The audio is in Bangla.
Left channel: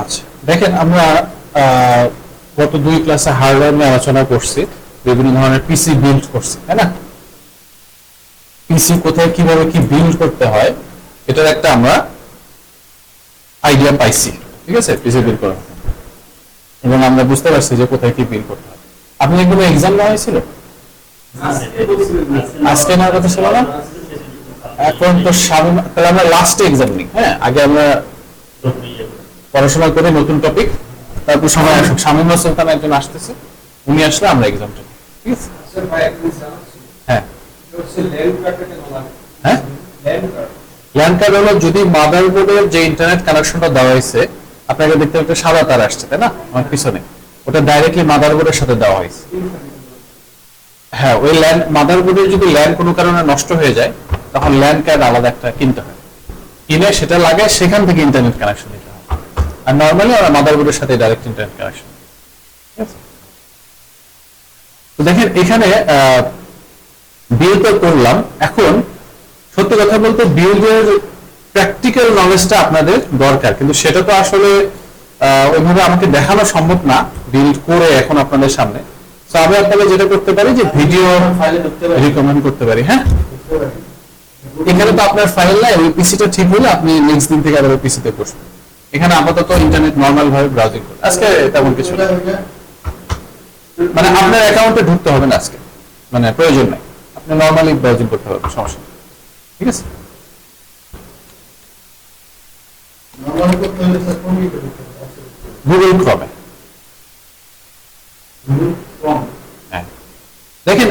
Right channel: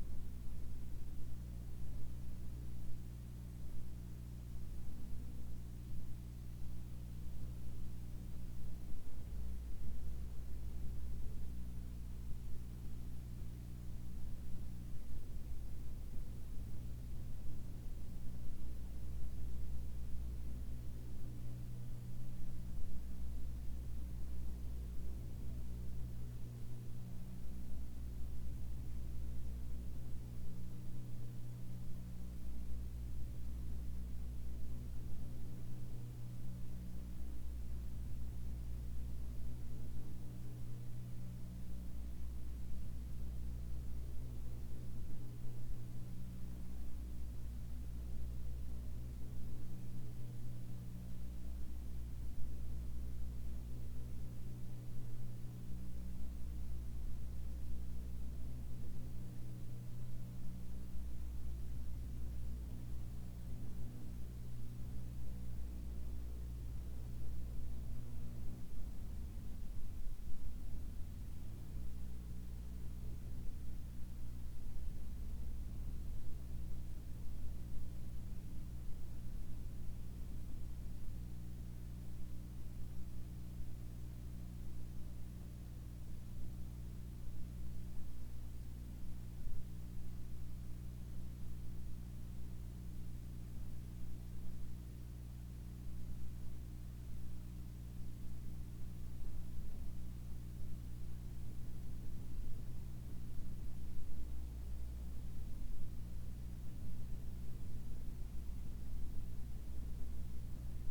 আচ্ছা, দেখেন আমরা গত দুই ক্লাসে হার্ডওয়্যার নিয়ে আলোচনা করছি, বিভিন্ন ধরনের পিসি বিল্ড করছি, তাই না? পিসি কোথায় কিভাবে কি বিল্ড করতে হয় এটার একটা আমরা আইডিয়া পাইছি, ঠিক আছে? পিসি বিল্ড করা এবং আমরা বুঝতে পারছি যে কোথায় কি বিল্ড করতে হয়। আপনি এগুলো এক্সাম নেওয়া হয়েছিল আজকে নেওয়ার কথা ছিল না? এখন তো তাহলে আমরা লাস্টে এক্সাম নিই। হ্যাঁ, আগে আমরা পড়াশোনা করে নতুন টপিক, তারপর সময় আসুক। শামীম সুলতান একজন আসতেছে, উনি আসলে আমরা এক্সামটা, ঠিক আছে? হ্যাঁ হ্যাঁ, ল্যান্ড কার্ড হলো যদি মাদারবোর্ডের যে ইন্টারনেট কানেকশনটা দেওয়া হয়েছে, আপনাকে দেখতে একটা সাদা তার আসছে, তাই না আমার পিছনে, ওটা ডাইরেক্টলি মাদারবোর্ডের সাথে দেওয়া হয়েছে। হ্যাঁ, ওই ল্যান্ড মাদারবোর্ডের যদি ল্যান্ড কোনো কারণে নষ্ট হয়ে যায়, তখন ল্যান্ড কার্ড আলাদা একটা কিনতে হয়, কিনে সেটা লাগে, সেখান থেকে ইন্টারনেট কানেকশন নিতে হয়। আর নর্মালি আমরা মাদারবোর্ডের সাথে ডাইরেক্ট ইন্টারনেট কানেকশন। তো দেখেন এখানে বিল্ড তো করলাম। এখন সত্যি কথা বলতে বিল্ডের প্র্যাকটিক্যাল নলেজটা আপনাদের দরকার, কিন্তু সেটা তো আসলে ওইভাবে আমাকে দেখানো সম্ভব না বিল্ড করে এখন আপনাদের সামনে। তো আমি আপনাদের যেটা করতে পারি যে ভিডিও রিকমেন্ড করতে পারি। হ্যাঁ, এখানে তো আপনার ফাইল নাই, ওই পিসিটা ঠিক হলে আপনি নেক্সট দিন থেকে আবার ওই পিসিতে বসবেন। এখানে আপাতত ইন্টারনেট নর্মাল ভাবে ব্রাউজিং করুন। আজকে তেমন কিছু না, মানে আপনার অ্যাকাউন্টে ঢুকতে হবে না আজকে, মানে প্রয়োজন নাই, আপনি নর্মালি ব্রাউজিং করতে হবে, সমস্যা নেই, ঠিক আছে? গুগল ক্রমে। হ্যাঁ, দেখেন